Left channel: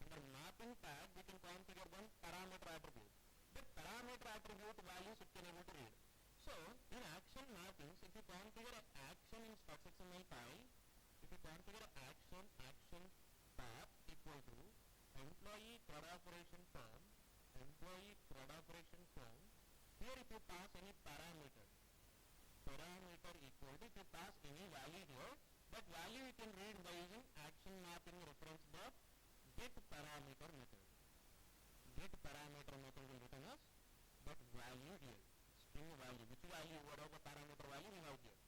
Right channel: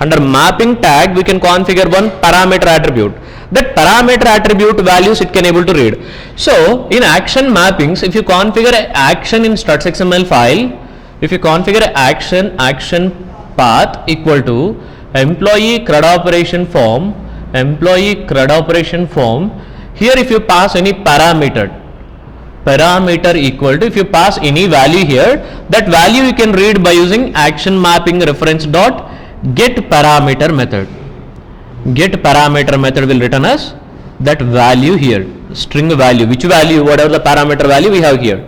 Under mapping tag, we can configure one parameter attribute. That parameter attribute values it can able to read. So in action mappings, if you configure an action in struts XML file, if you configure an action path equal to employee CRUD operation form, here if you pass any parameter equal to, if you pass any value here, that value you can read by using action mapping reference dot get parameter method. Get parameter method will return us that value here, string value, which value, whatever the parameter value we have here.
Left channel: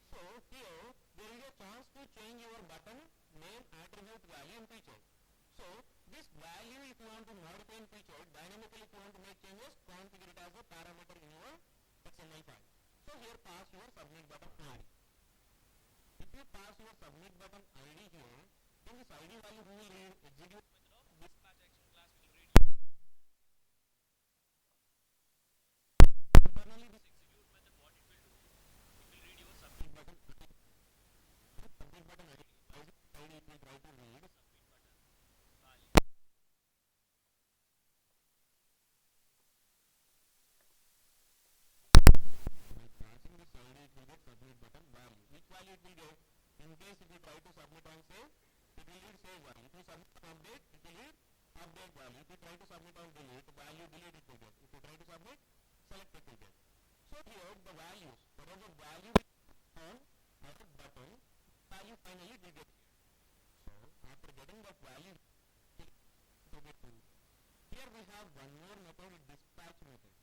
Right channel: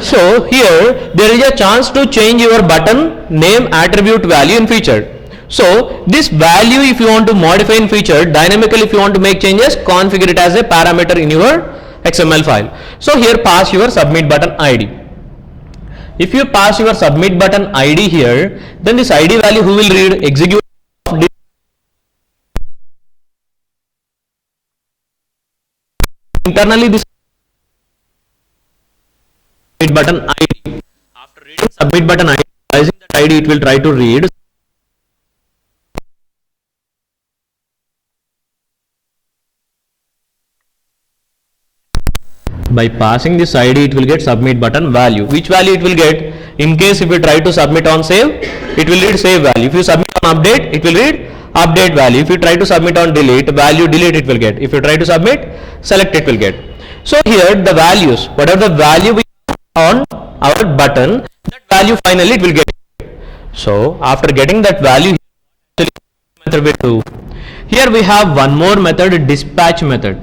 So here there is a chance to change your button name attribute value in feature. So this value, if you want to modify in feature dynamically, if you want to make changes, configure it as a parameter in your XML file. So here pass your submit button ID. If you pass your submit button ID here, then this ID value who will read execute internally this submit button ID. After reading submit button ID, using that ID it will try to read by passing this ID. It will get submit button value. Which value it will get? In case if you try to submit on save, it will read save value. If you submit on update, it will read update value. If you try to submit on delete, value delete it will get. If you try to submit, select it will get. So here the values, whatever the value we on our button, that value finally it will get. So after getting that value, method will do. Here we have one more method, dispatch method.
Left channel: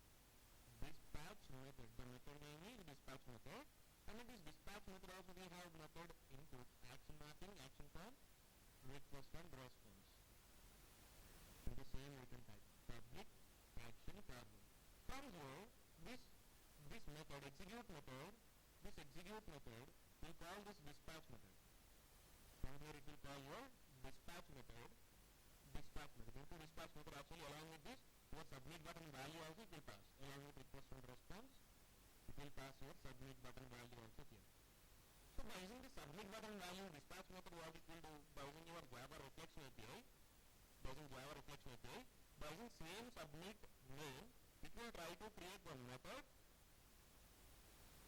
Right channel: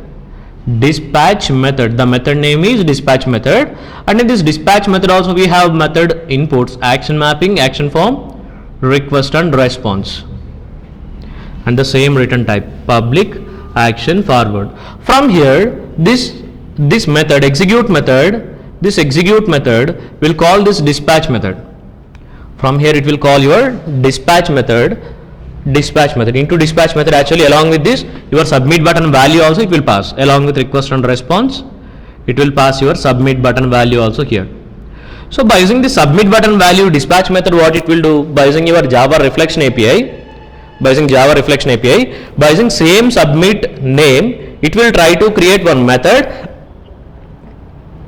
Dispatch method, the method name is dispatch method, and in this dispatch method also we have method inputs, action mapping, action form, request and response, and the same return type, public action forward. From here this method execute method, this execute method will call this dispatch method. From here it will call your dispatch method. Into dispatch method, actually along with this your submit button value also it will pass, along with request and response it will pass your submit button value also here. So by using the submit button value dispatch method, what it will do, by using your Java reflection API, by using same submit name, it will try to create one method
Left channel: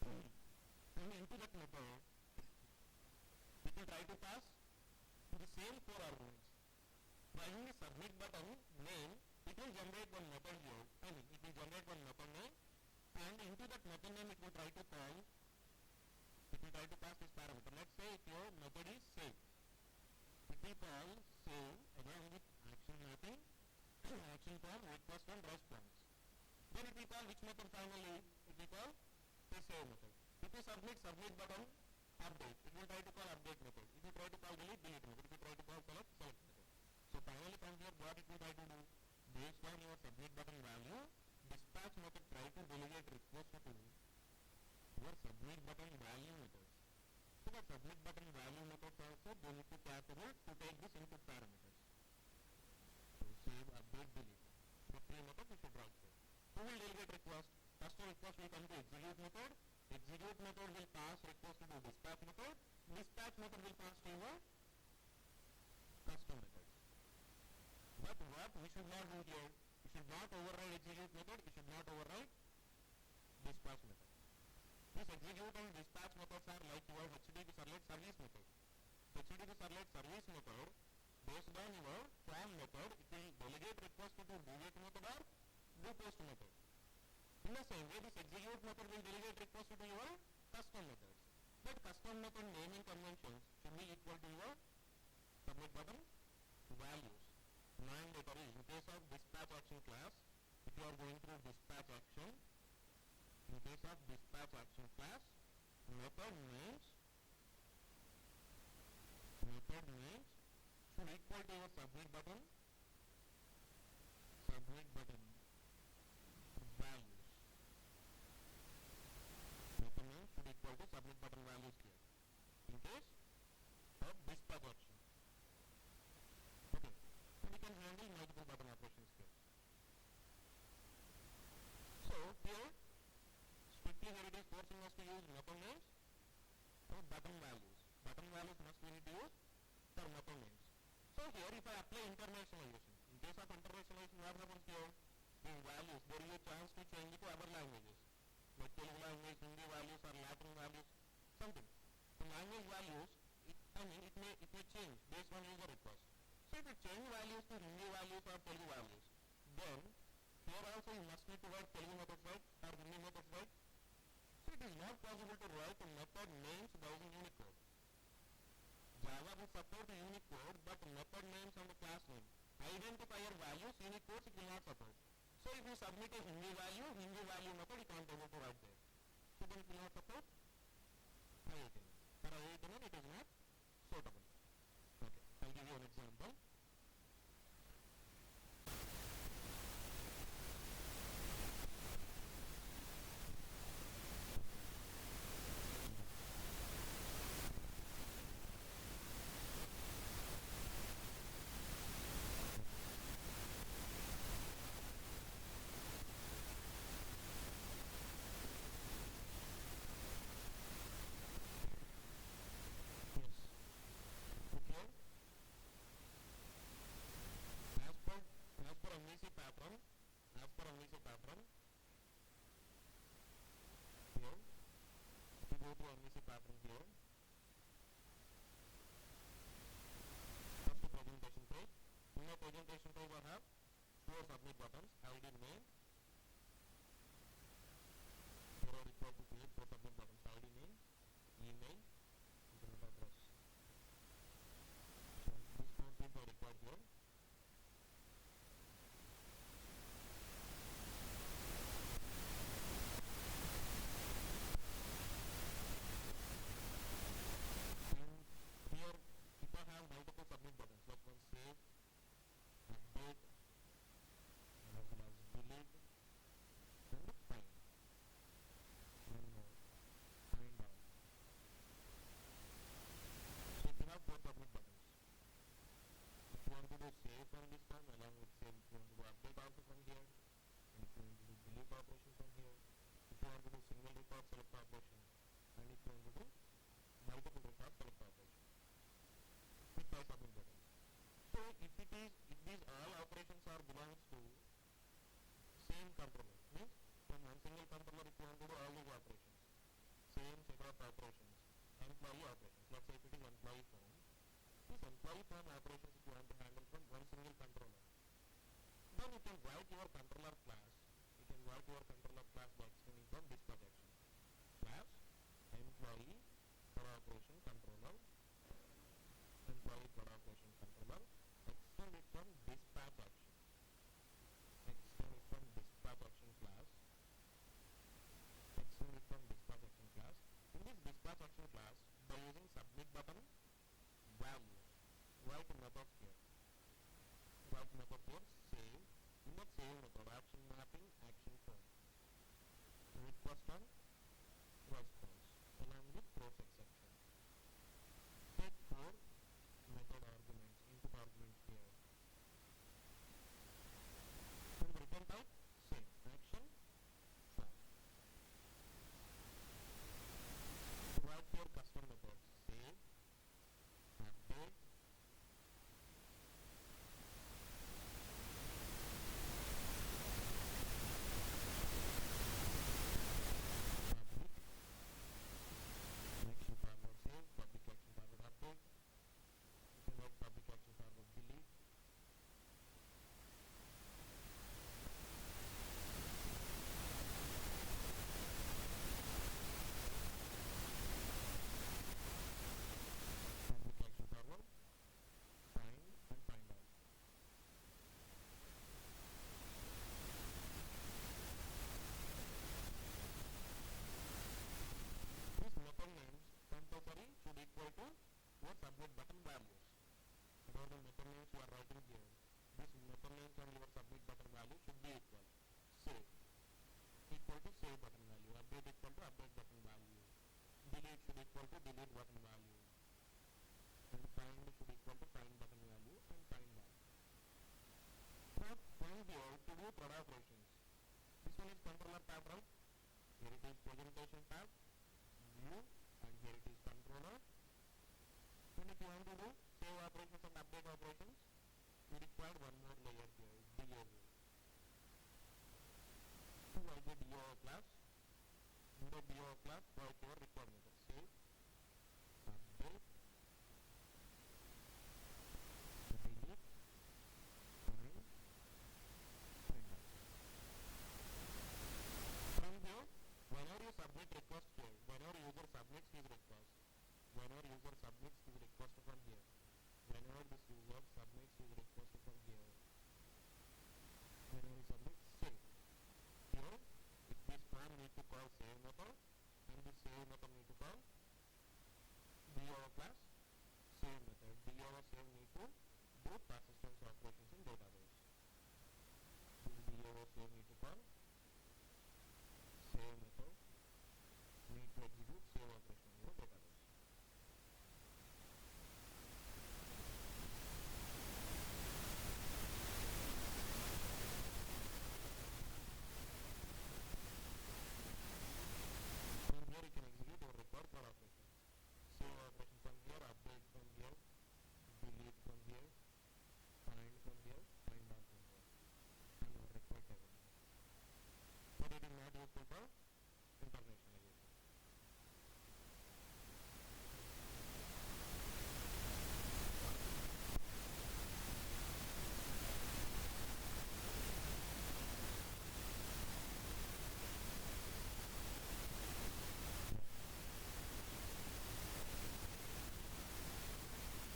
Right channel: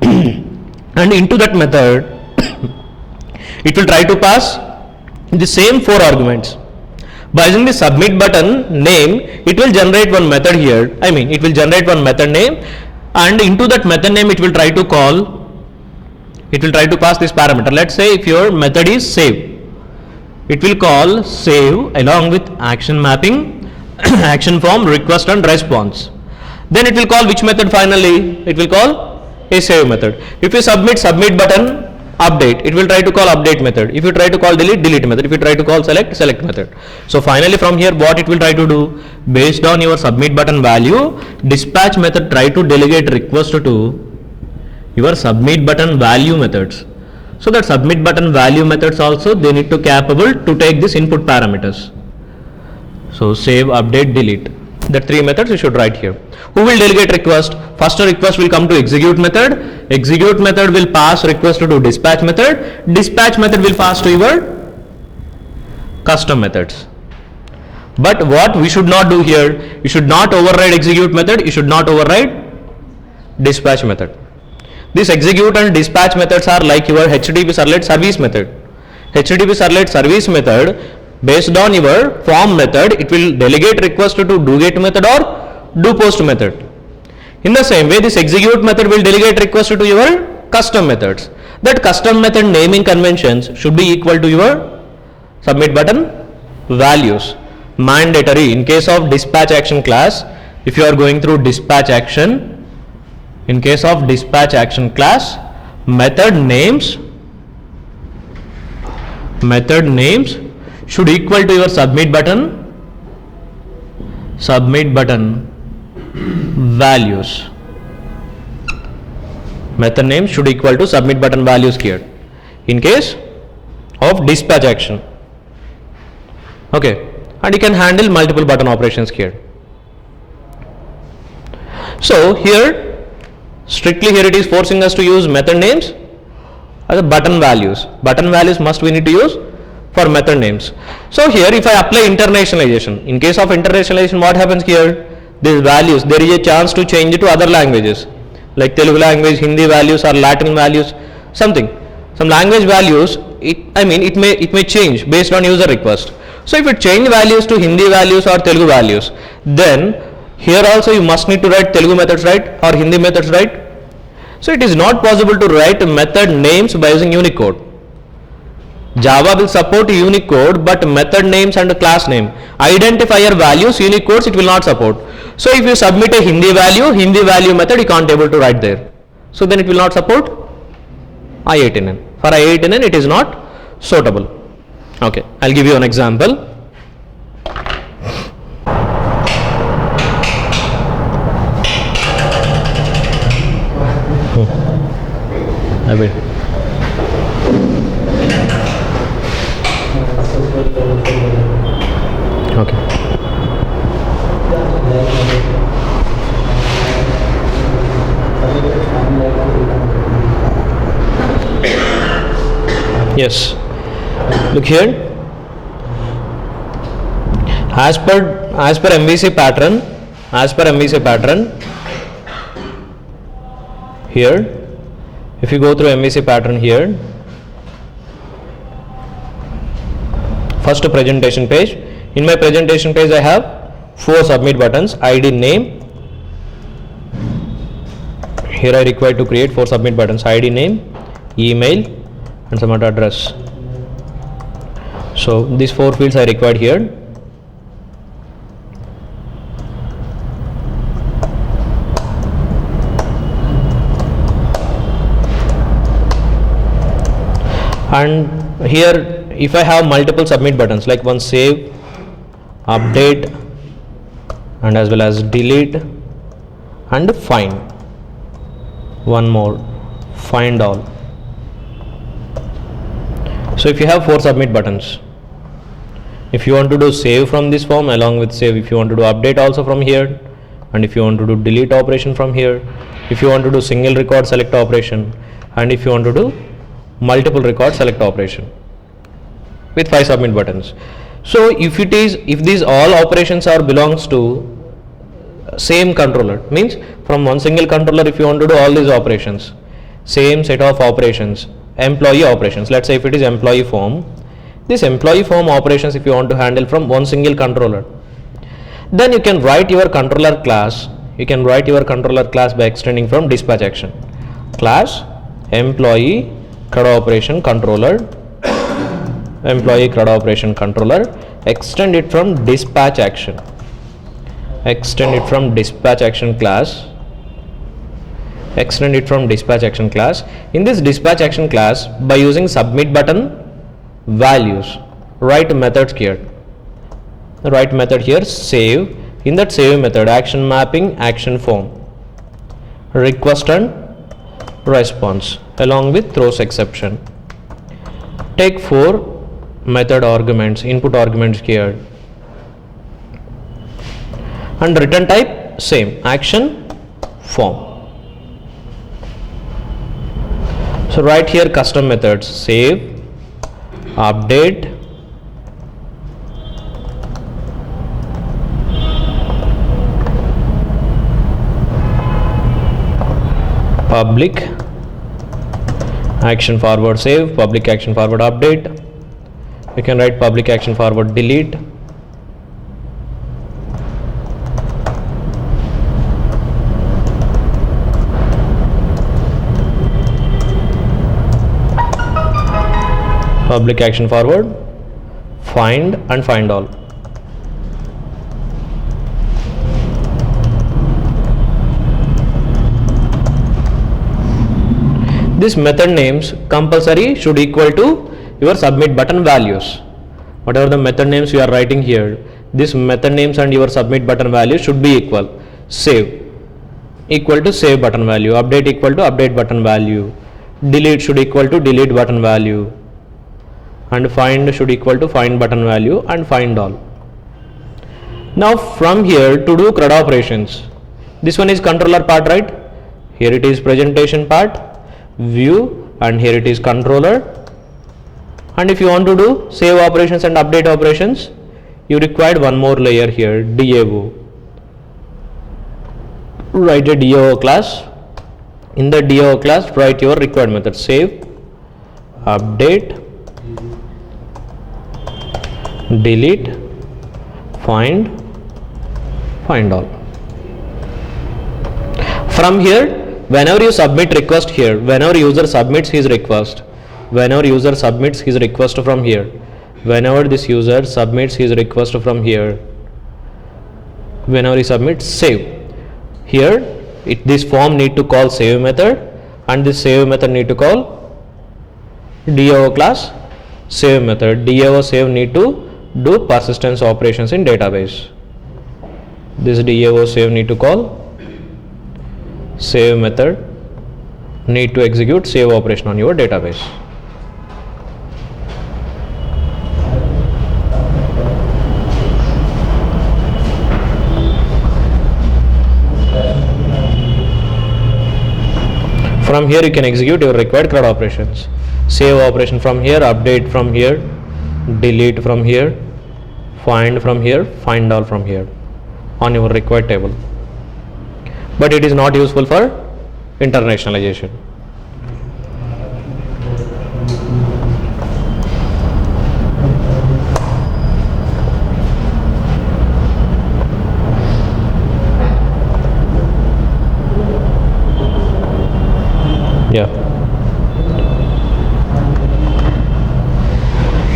and into that method it will try to pass the same 4 arguments. By using the submit button name, it will generate one method here. It will generate one method name, and into that method name it will try to call, it will try to pass this parameter. Let's say if your method is save, it will call save along with action mapping, action form, request and response. Then it will call which method finally? It will call a save method. If you submit button update, it will try to call update method. If you try to call delete method. If you try to call select method. So finally from here what it will try to do, based on your submit button value, dispatch method try to delegate request to your submit button value methods. So that submit button value methods also they need to capable to take this input parameters. So save, update, delete, the 3 methods you should write here. Who will delegate request? First request will come to execute method. Execute method will pass request to dispatch method. Dispatch method will pass to your custom methods. But what we should not do here, you should not override execute method, you should not override dispatch method. This execute and dispatch methods are like your HTTP servlet service method. HTTP servlet service method, based on your form method, it will delegate request to do get method or do post method. In the same way, this execute method will delegate request to your custom methods. That custom method naming conventions should be equal to your submit button values. Mandatory in case of dispatch action class, if you are going through dispatch action, in case of dispatch action class, method names should equal to your submit button values. Method name should equal to submit button values here in case of dispatch action. Okay, and you can handle multiple button operations here. So here strictly here it is forcing us to use method names as a button values. Button values must we need to use for method names. So here if I apply internationalization, in case of internationalization what happens here? These values, there is a chance to change it to other languages like Telugu language, Hindi values or Latin values, something. Some language values, it may change based on user request. So if it change values to Hindi values or Telugu values, then here also you must need to write Telugu methods, right, or Hindi methods, right? So it is not possible to write method names by using Unicode. Java will support Unicode, but method names and class name, identifier values, Unicodes it will not support. So if you submit a Hindi value method you can't able to write there. So then it will not support I18N. For I18N it is not suitable. Okay, I'll give you an example. I will. Okay. Yes. Look here. As per MVC pattern, here, if you go through MVC pattern here, first presentation page. In my presentation page I have 4 submit buttons: ID, name. Here I require to create 4 submit buttons: ID, name, email and some other address. So these 4 fields I required here. And here if I have multiple submit buttons, like one save, update and as well as delete and find, one more, find all. So if you have 4 submit buttons, if you want to do save from this form, along with save, if you want to do update also from here, and if you want to do delete operation from here, if you want to do single record select operation, and if you want to do multiple record select operation with 5 submit buttons. So if these all operations are belongs to same controller, means from one single controller if you want to do all these operations, same set of operations, employee operations, let's say if it is employee form, this employee form operations if you want to handle from one single controller, then you can write your controller class, by extending from dispatch action, class employee CRUD operation controller, employee CRUD operation controller, extend it from dispatch action, class, extend it from dispatch action class. In this dispatch action class, by using submit button values, write methods here, save. In that save method, action mapping, action form, request and response along with throws exception. Take 4 method arguments, input arguments here, and return type same, action form. So write here custom methods, save, update, public action forward save, public action forward update. You can write public action forward delete, public action forward find and find all. This method names compulsory should equal to your submit button values. Whatever the method names you are writing here, this method names and your submit button values should be equal. Save equal to save button value, update equal to update button value, delete should equal to delete button value, and find should equal to find button value, and find all. Now from here to do CRUD operations, this one is controller part, right? Here it is presentation part, view, and here it is controller, And if you want to do save operations and update operations, you required one more layer here, DAO. Write a DAO class. In the DAO class, write your required method, save, update, delete, find all. From here, whenever you submit request here, whenever user submits his request from here, whenever this user submits his request from here, whenever he submits, save. Here, this form need to call save method, and this save method need to call DAO class save method. DAO save need to do persistence operations in database. This DAO save need to call save method, need to execute save operation on your database. From here you can execute your required CRUD operations. Save operation from here, update from here, delete from here, find from here, find all from here on your required table. But it is not useful for internationalization. Yeah.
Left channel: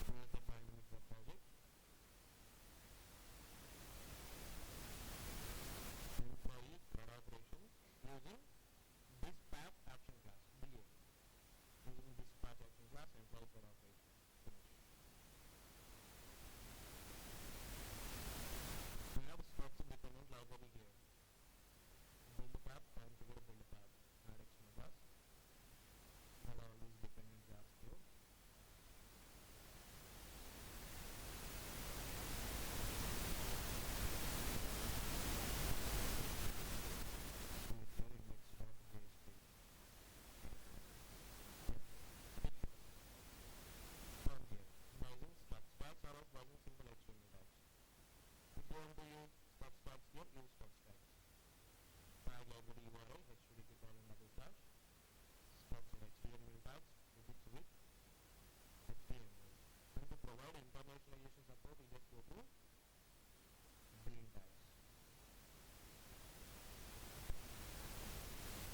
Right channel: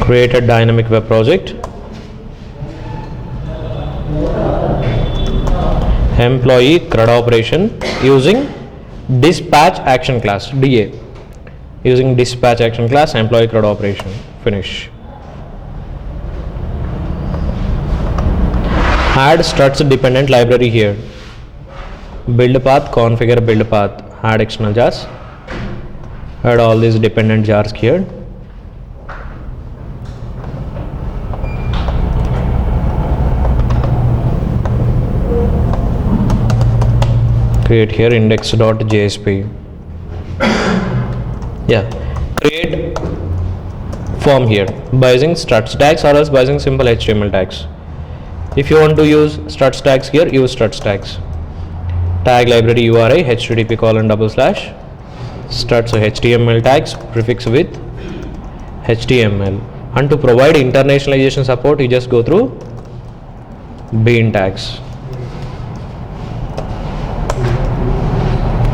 Create a dynamic web project. Employee CRUD operation using dispatch action class, DA. Using dispatch action class, employee CRUD operation. Finish. Add struts dependent library here. Build path, configure build path, add external jars. Add all these dependent jars here. Create here index.jsp. Yeah, create form here by using struts tags or else by using simple HTML tags. If you want to use struts tags here, use struts tags. Tag library URI http:// struts HTML tags prefix with HTML. And to provide internationalization support, you just go through bean tags.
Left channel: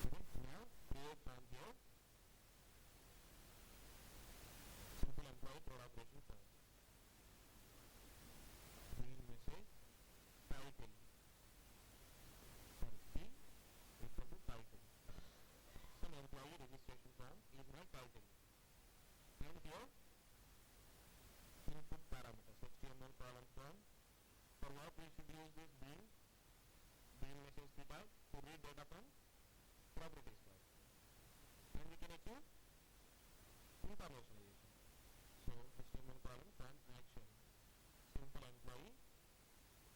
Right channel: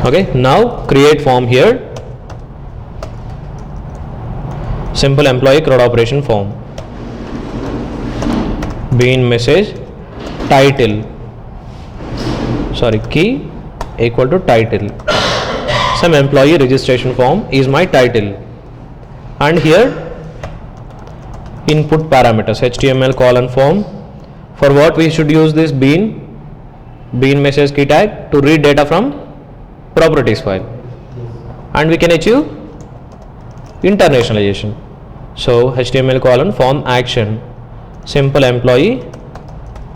Okay, now create form here. Simple employee CRUD operation form. Bean message title. Key equal to title. Some employee registration form is my title. And here input parameters HTML:form. For what we should use this bean message key tag? To read data from properties file, and we can achieve internationalization. So HTML:form action, simple employee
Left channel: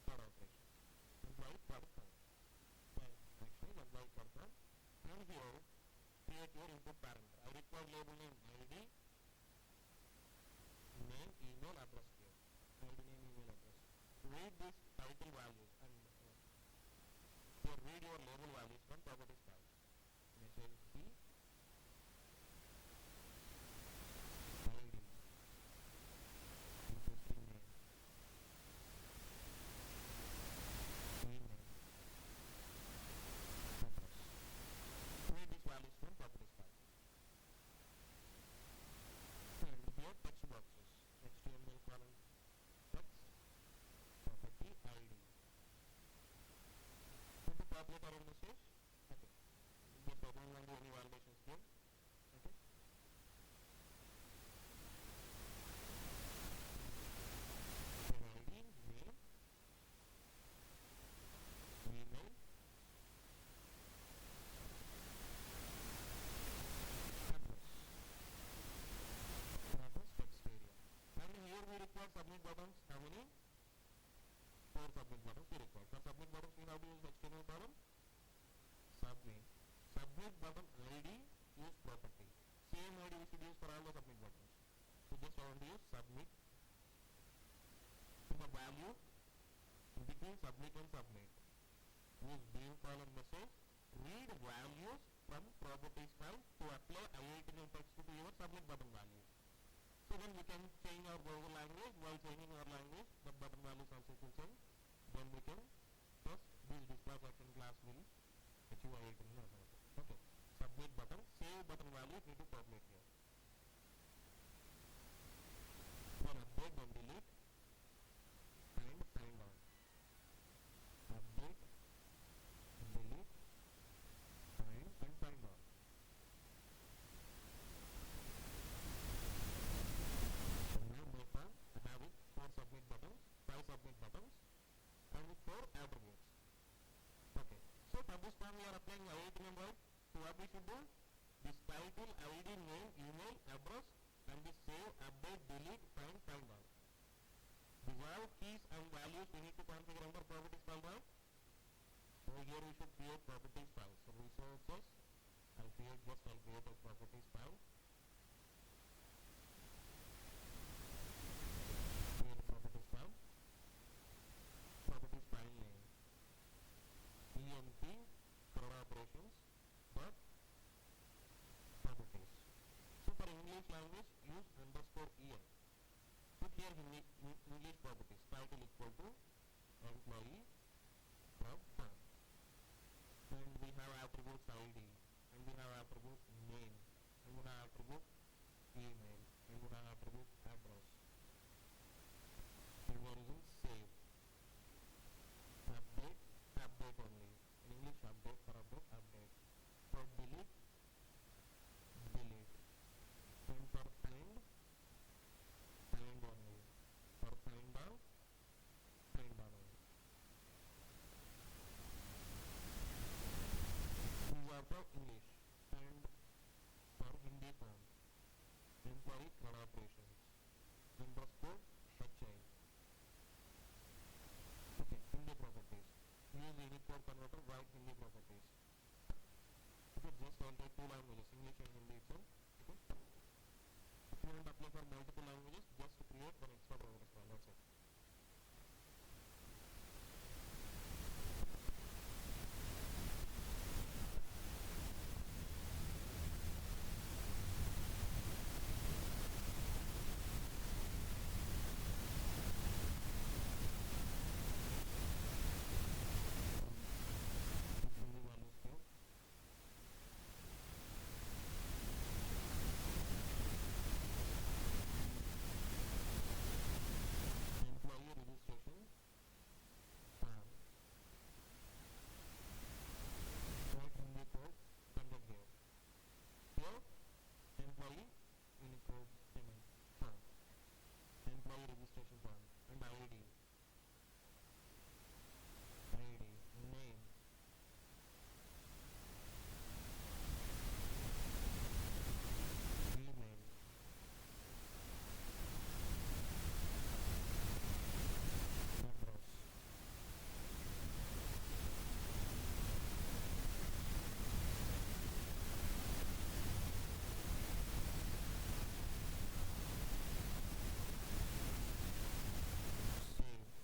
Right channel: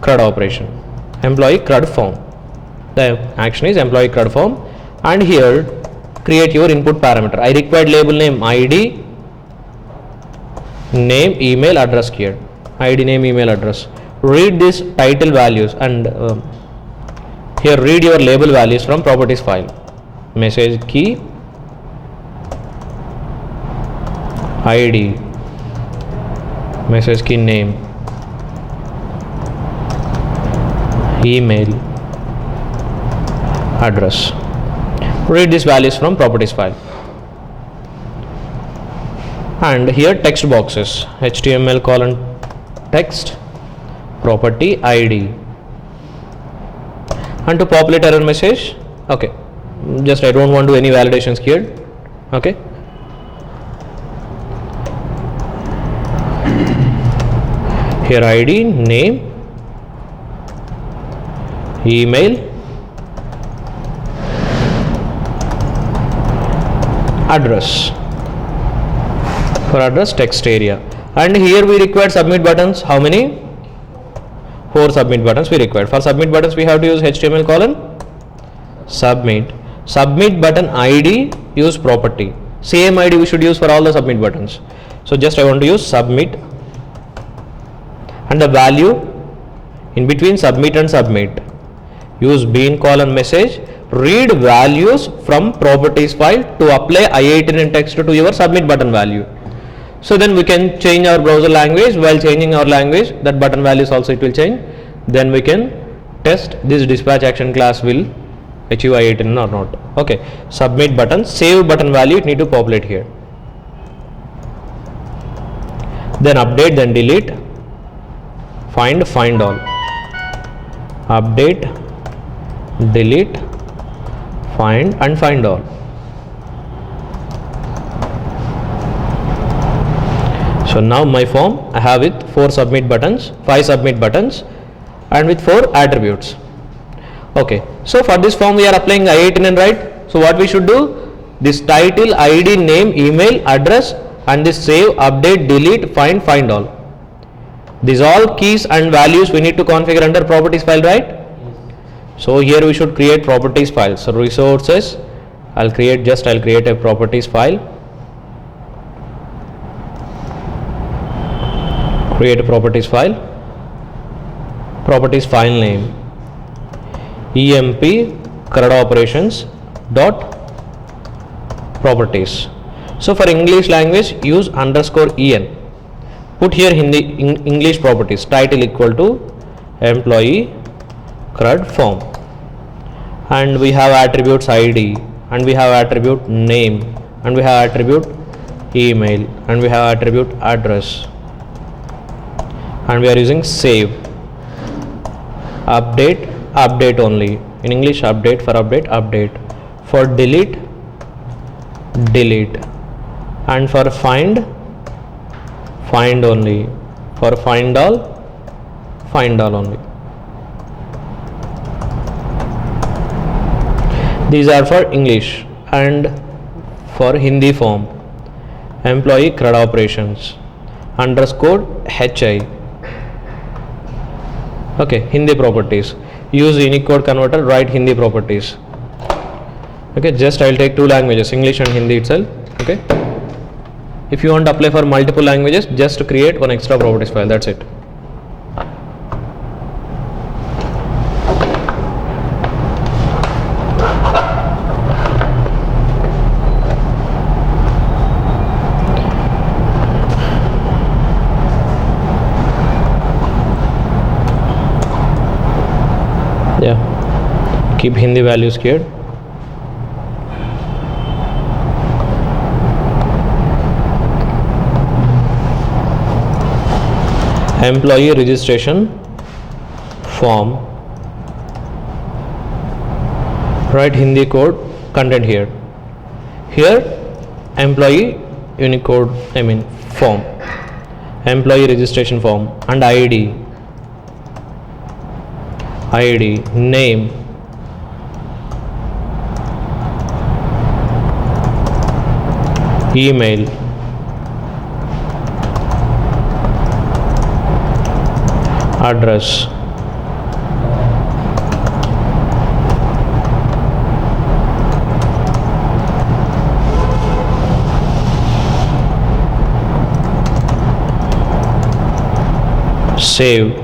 CRUD operation, employee CRUD form. The action is employee CRUD form, and here create your input parameter. I required label name ID, name, email, address here. ID, name, email, address. Read this title values, and here read your label values from properties file. Message key, ID, message key name, email, address. Read these values from properties file. And here text boxes, HTML:text, property ID. And to populate error message, okay, just I don't want to do any validations here. Okay, here ID, name, email, address. For address, text area. And here we require submit buttons. How many? 4 submit buttons we require. For submit buttons we have to use HTML:submit. Submit button ID, use property. Same ID we should use for all the submit buttons. So just I want to use submit, and the value in between submit and submit, use bean colon message, read values from properties file to apply I18N text to your submit button value. So then we can change our browser language. While changing our language, that button values also it will change. Then we can test this dispatch action class will achieve I18N or not. Okay, submit button, save button value, it need to populate here. Then update, then delete, find all, update, delete, find and find all. So now my form I have with 4 submit buttons, 5 submit buttons, and with 4 attributes. Okay, so for this form we are applying I18N, right? So what we should do? This title, ID, name, email, address, and this save, update, delete, find all. These all keys and values we need to configure under properties file, right? So here we should create properties file. So resources, I'll create a properties file. Create a properties file. Properties file name emp CRUD operations dot properties. So for English language use _en. Put here Hindi English properties, title equal to employee CRUD form, and we have attributes ID, and we have attribute name, and we have attribute email, and we have attribute address, and we are using save, update only in English, update for update, for delete, and for find only, for find all only. These are for English, and for Hindi form employee CRUD operations _hi. Okay, Hindi properties, use Unicode converter, write Hindi properties. Okay, just I will take 2 languages, English and Hindi itself. Okay, if you want to apply for multiple languages, just create one extra properties file, that's it. Yeah, keep Hindi values here. Employee registration form, write Hindi code content here. Here employee Unicode, form, employee registration form, and ID, name, email, address, save,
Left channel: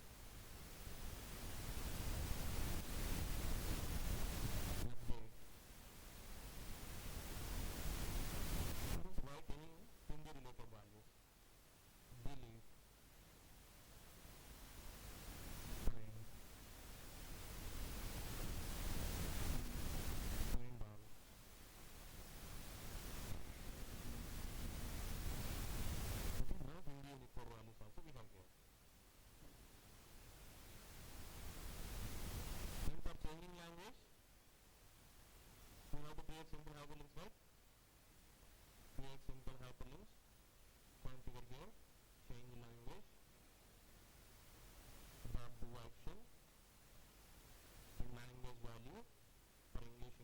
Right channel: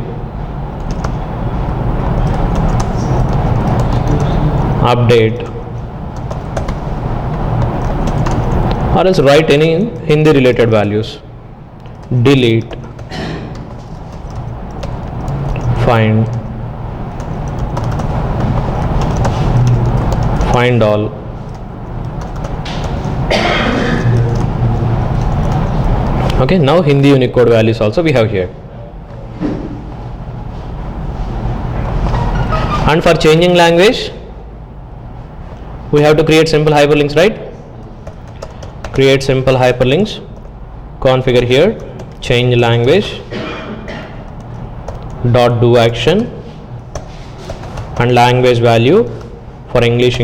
update, or else write any Hindi related values, delete, find all. Okay, now Hindi Unicode values also we have here. And for changing language, we have to create simple hyperlinks, right? Create simple hyperlinks, configure here, change language, dot do action, and language value for English,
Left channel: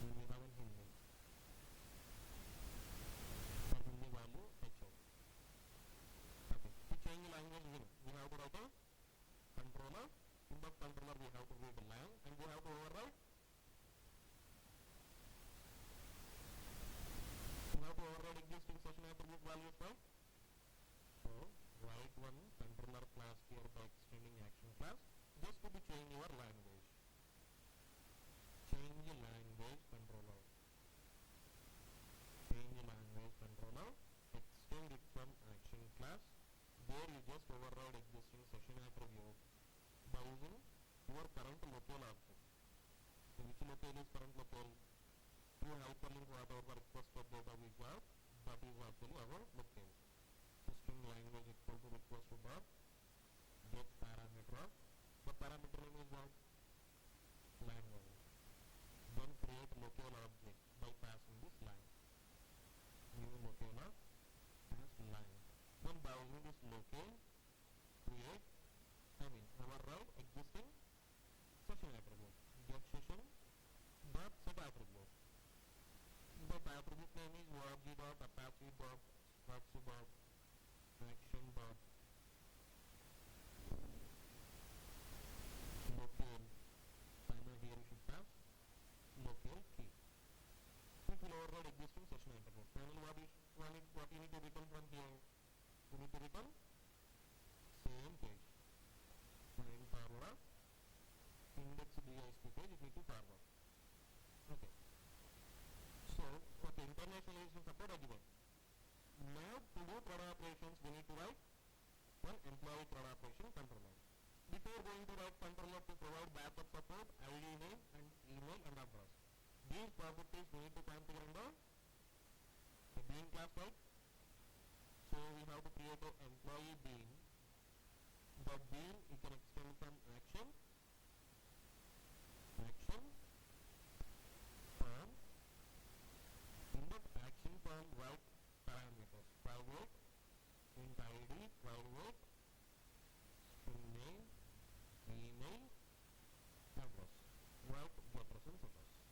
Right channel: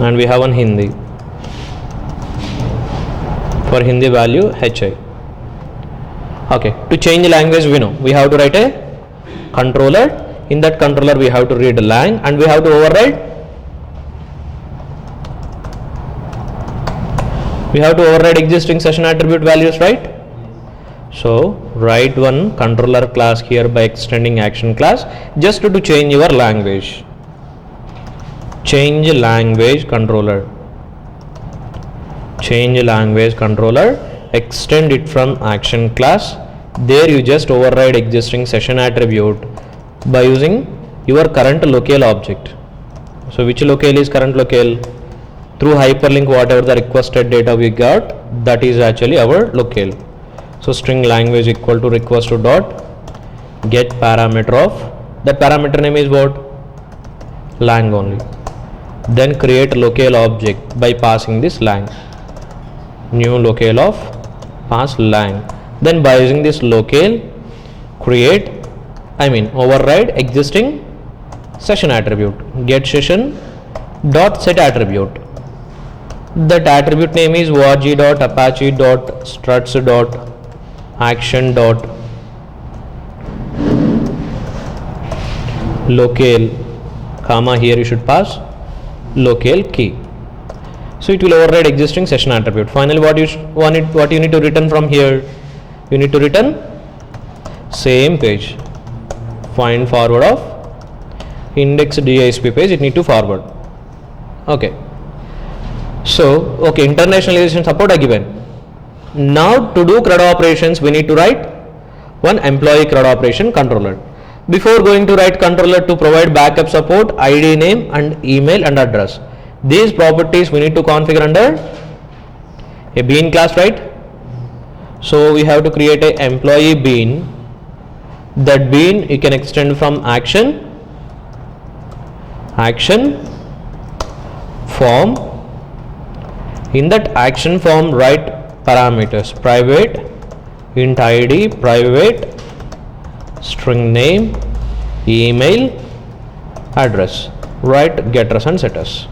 and we have one Hindi, for Hindi value hi. Okay, to change the language we know we have to write a controller. In that controller we have to read lang, and we have to override We have to override existing session attribute values, right? So write one controller class here by extending action class just to change your language. Change language controller. Change language controller. Extend it from action class. There you just override existing session attribute by using your current locale object. So which locale is current locale? Through hyperlink, whatever the requested data we got, that is actually our locale. So string language equal to request to dot get parameter of, that parameter name is what? Lang only. Then create locale object by passing this lang. New locale of pass lang. Then by using this locale, create, override existing session attribute. Get session dot set attribute. That attribute name is org dot apache dot struts dot action dot locale, comma, here you should pass locale key. So it will override existing session attribute. Finally, what you need to return from here? You need to return same page. Find forward of index JSP page. It need to forward. Okay. So internationalization support are given. Now to do CRUD operations, we need to write one employee CRUD operation controller. Before going to write controller to provide backup support, ID, name and email and address. These properties we need to configure under a bean class, right? So we have to create a employee bean. That bean you can extend from action form. In that action form, write parameters: private, int ID, private, string name, email, address. Write getters and setters.